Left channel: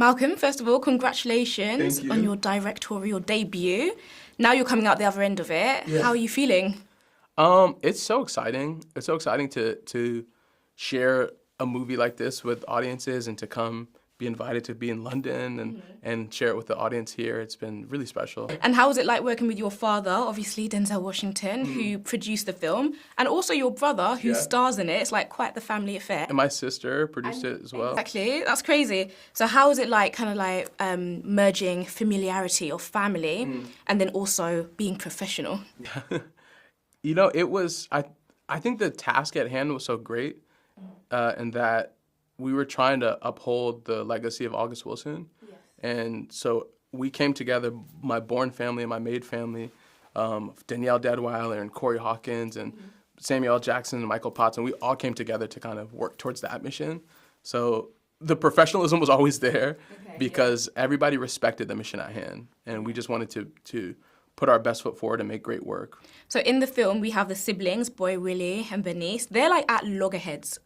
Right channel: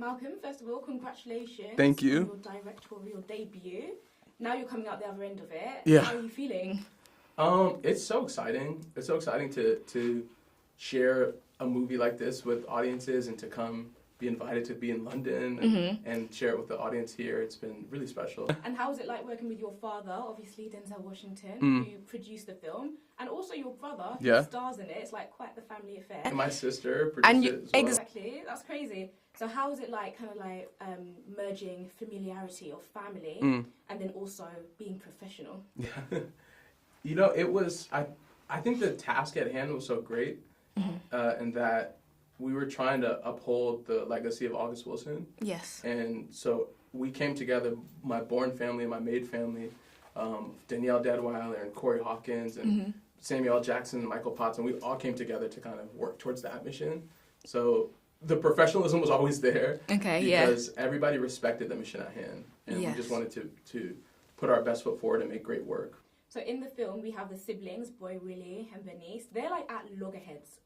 Malcolm, first of all, congratulations Thank you. on your directorial debut. Now you're coming out the other end of it. Yeah. How are you feeling? It's so exciting. It's so exciting to share a movie like this with audiences and to come be invited to be in London and share it with the audience here. It's been really special. And how was it like working with your father, obviously Denzel Washington, who produced the film, and also your brother, who stars in it? It's like quite the family affair. And my sister produced it as well. Exactly, that's crazy. So how was it like, kind of like merging familiarity of family and then also being professional? You know, it was, I think the task at hand was so great and that we were trying to uphold the legacy of August Wilson. Yes. And so we came together, my Bourne family and my Maid family, Danielle Deadweiler and Corey Hawkins and Samuel L. Jackson and Michael Potts, and we all came together to kind of work towards that mission. So the professionalism was always there because everybody respected the mission at hand. And we just wanted to put our best foot forward and make great work. So in the film, we have the siblings, Boy Willie and Berniece. They're like at loggerheads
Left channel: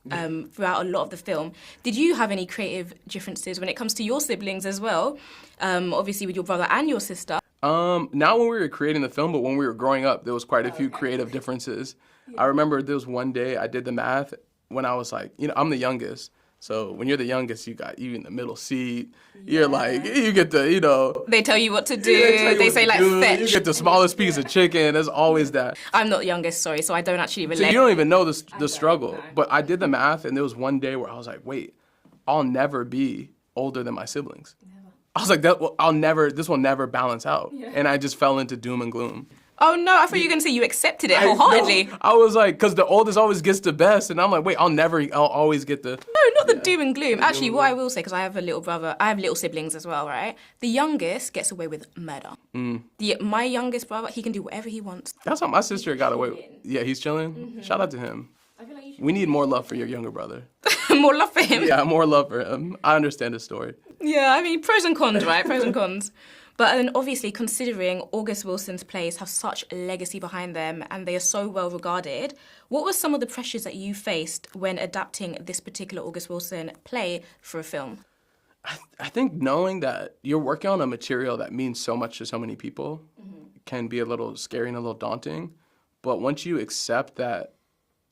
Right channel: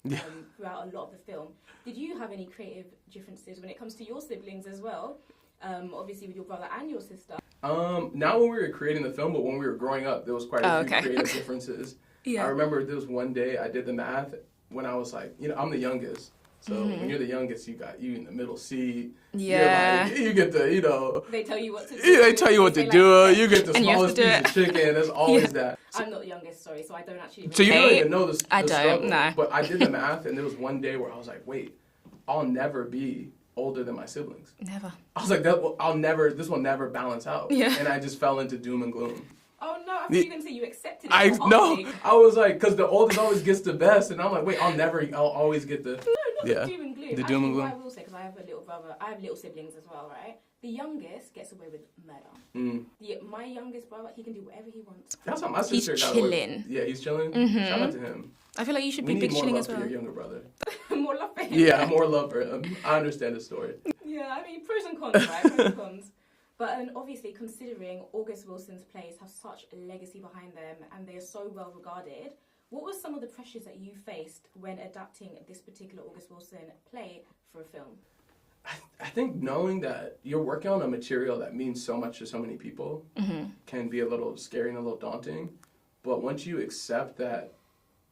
throughout a lot of the film. Did you have any creative differences when it comes to your siblings as well? Obviously with your brother and your sister. Not when we were creating the film, but when we were growing up, there was quite a few creative differences. I remember there was one day I did the math when I was like, you know, I'm the youngest. So when you're the youngest, you in the middle seat. You're like, you get the, you know. They tell you what to do. They tell you what to do. Like, you get the smallest piece of chicken. There's always that. I'm not the youngest, sorry, so I don't actually relate. So you don't even know the struggle. No. But I did the math, and there was one day where I was like, wait, I'll never be older than my siblings. Never. I was like, this will never balance out. Yeah. And I just fell into doom and gloom. Oh no, I thought you were going to say you accepted it wholeheartedly. No, I was like, because the oldest always gets the best, and I'm like, wait, I'll always get the... No, not the doom and gloom. Actually, what I will say, because I have a little brother, I have little siblings as well, right? The youngest gets away with murder. My youngest brother, he can do whatever he wants. That's how my sister got away with. Yeah, he's chilling. Shout out to him. I feel like you should We be need more love for your younger brother. More love for him? Yeah, more love for him. I understand his story. Yeah, I mean, pros and cons, right? Pros and cons. But then obviously, considering August Wilson's plays have such a legacy behind them and they are so well regarded, what were some of the pressures that you faced when adapting this particular August Wilson play for a film? I think knowing that you're working on a material that means so much to so many people can be a little scary and a little daunting. But once you accept that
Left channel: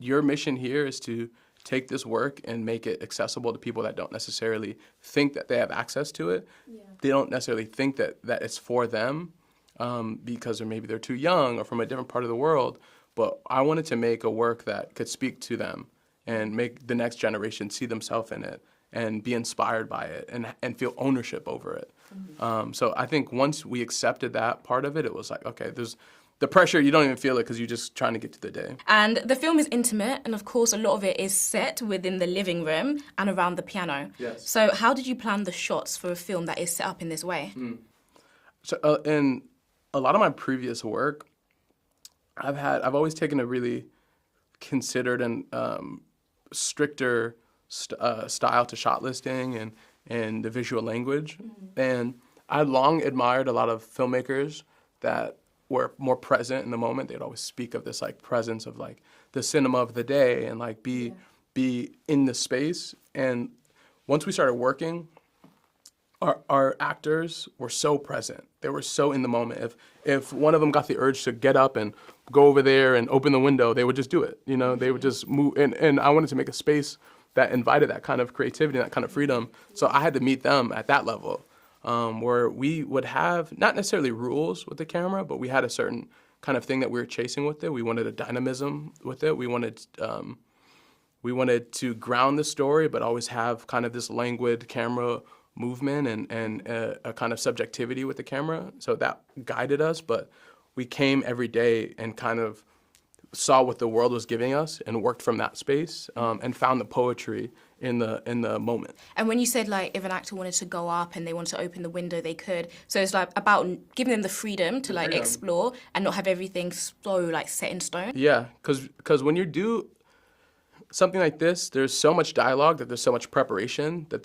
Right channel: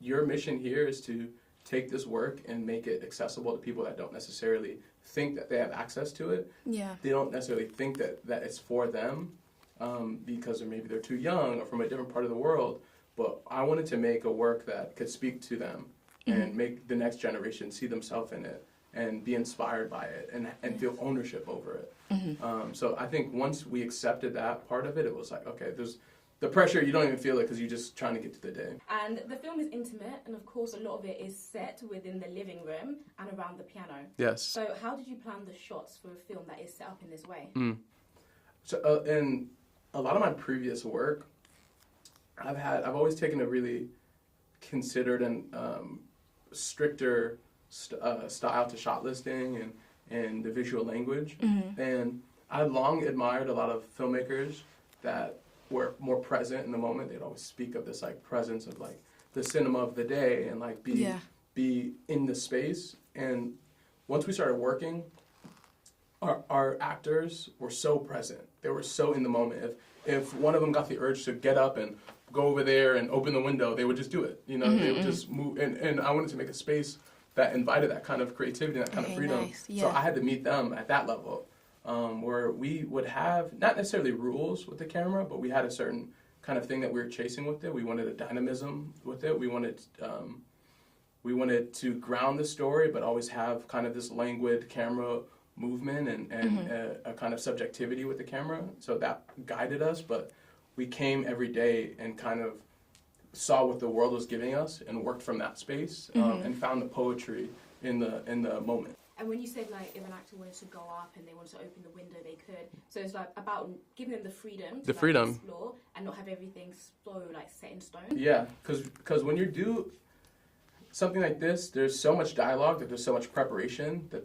your mission here is to take this work and make it accessible to people that don't necessarily think that they have access to it. Yeah. They don't necessarily think that it's for them because maybe they're too young or from a different part of the world. But I wanted to make a work that could speak to them and make the next generation see themselves in it and be inspired by it and feel ownership over it. So I think once we accepted that part of it, it was like, okay, there's the pressure, you don't even feel it because you're just trying to get to the day. And the film is intimate, and of course a lot of it is set within the living room and around the piano. Yes. So how did you plan the shots for a film that is set up in this way? So in a lot of my previous work, I've always taken a really considered and stricter style to shot listing and the visual language. And I long admired a lot of filmmakers that were more present in the moment. They'd always speak of this like presence of like the cinema of the day and like be in the space. And once we started working, our actors were so present. They were so in the moment. If one of them got the urge to get up and go over there and open the window, they would just do it. You know, they would just move. And I wanted to make a space that invited that kind of creativity, that kind of freedom. Nice. Yeah. So I had to meet them at that level. Where we would have not necessarily rules with the camera, but we had a certain kind of thing that we were chasing with it. We wanted a dynamism with it. We wanted to ground the story, but always have kind of this languid camera movement and a kind of subjectivity with the camera. So that guided us, but we came every day and kind of saw what the world was giving us and worked from that space and found the poetry in the moment. And when you said like if an actor wanted to go up and they wanted to open the window, they could. So it's like about giving them the freedom to explore and not have everything so like set in stone. Yeah, because when you do something like this, there's so much dialogue, that there's so much preparation that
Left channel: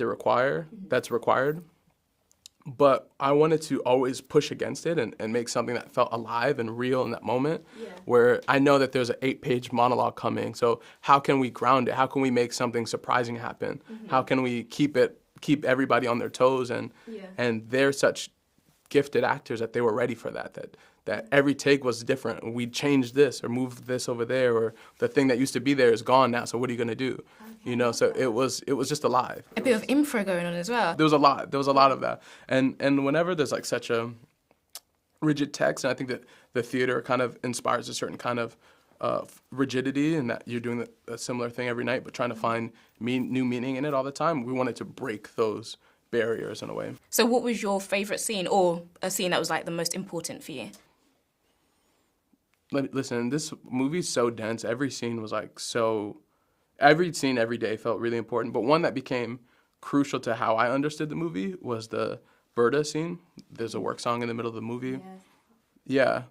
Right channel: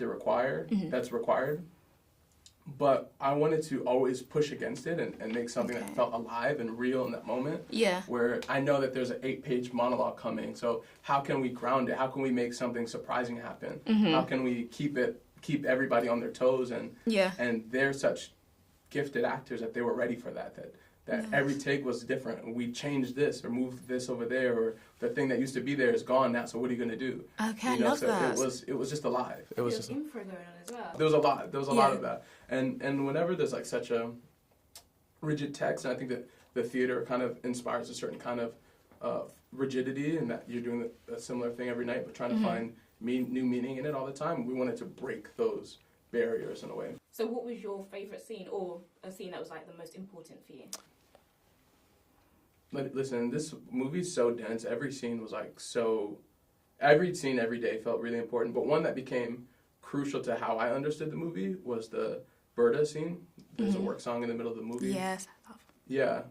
that's required. But I wanted to always push against it and make something that felt alive and real in that moment. Yeah. Where I know that there's an 8-page monologue coming. So how can we ground it? How can we make something surprising happen? How can we keep it keep everybody on their toes, and Yeah. and they're such gifted actors that they were ready for that every take was different. We changed this or moved this over there, or the thing that used to be there is gone now, so what are you going to do? Okay, You know, love so that. it was just alive. A bit of info going on as well. There was a lot of that. And whenever there's like such a rigid text, and I think that the theater kind of inspires a certain kind of rigidity, and that you're doing a similar thing every night, but trying to find new meaning in it all the time. We wanted to break those barriers in a way. So what was your favourite scene, or a scene that was like the most important for you? Listen, this movie's so dense. Every scene was like every scene every day felt really important. But one that became crucial to how I understood the movie was the Berta scene. There's a work song in the middle of the movie. Yes. Yeah.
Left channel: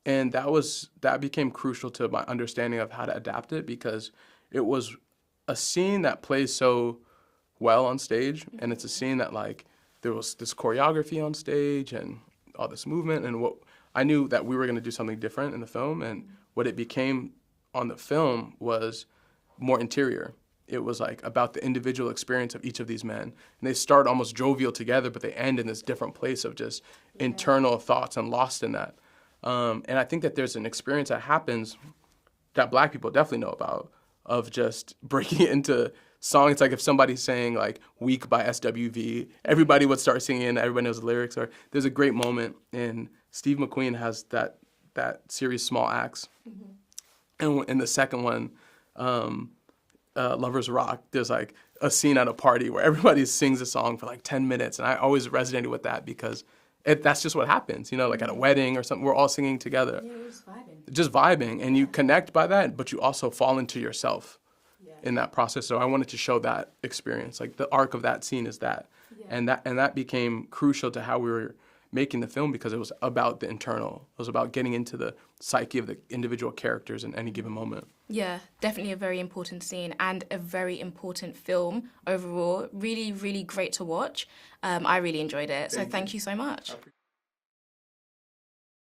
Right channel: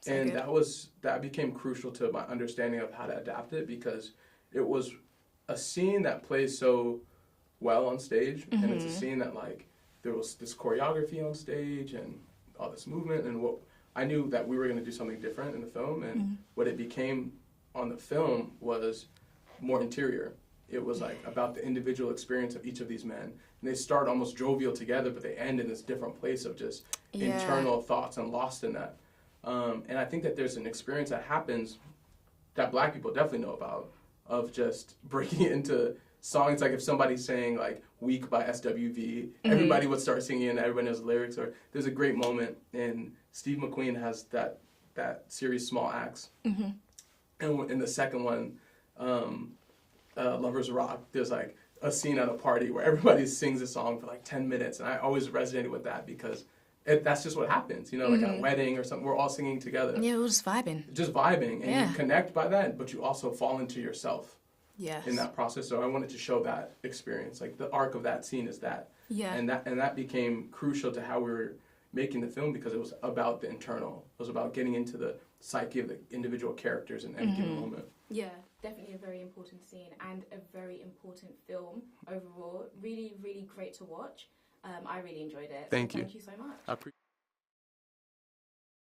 So And good. that became crucial to my understanding of how to adapt it, because it was a scene that plays so well on stage, and it's a scene that like there was this choreography on stage and all this movement, and what I knew that we were going to do something different in the film, and what it became on the film was more interior. It was like about the individual experience of each of these men, and they start almost jovial together, but they end in this different place of just internal thoughts and lost in that. And I think that there's an experience that happens that Black people definitely know about, of just breaking it into songs. Like if somebody's saying like "Weak" by SWV, everybody would start singing, and everybody knows the lyrics. Or there's a great moment, and Steve McQueen has that series Small Acts, and in the second one, Lovers Rock, there's like a scene at a party where everybody sings a song for like 10 minutes, and I always resonated with that because that's just what happens, you know, like at a wedding or something, we're all singing together. Yeah, it was vibing. Just vibing, and you connect by that, but you also fall into yourself in that process. So I wanted to show that experience, like the arc of that scene is that. Yeah. And that became crucial to how we were making the film, because it was about the internal. It was about getting into the psyche of the individual characters in any given moment. Yeah, definitely a very important scene and a very important film overall. Really, really great to watch. I really enjoyed it. So thank you so much.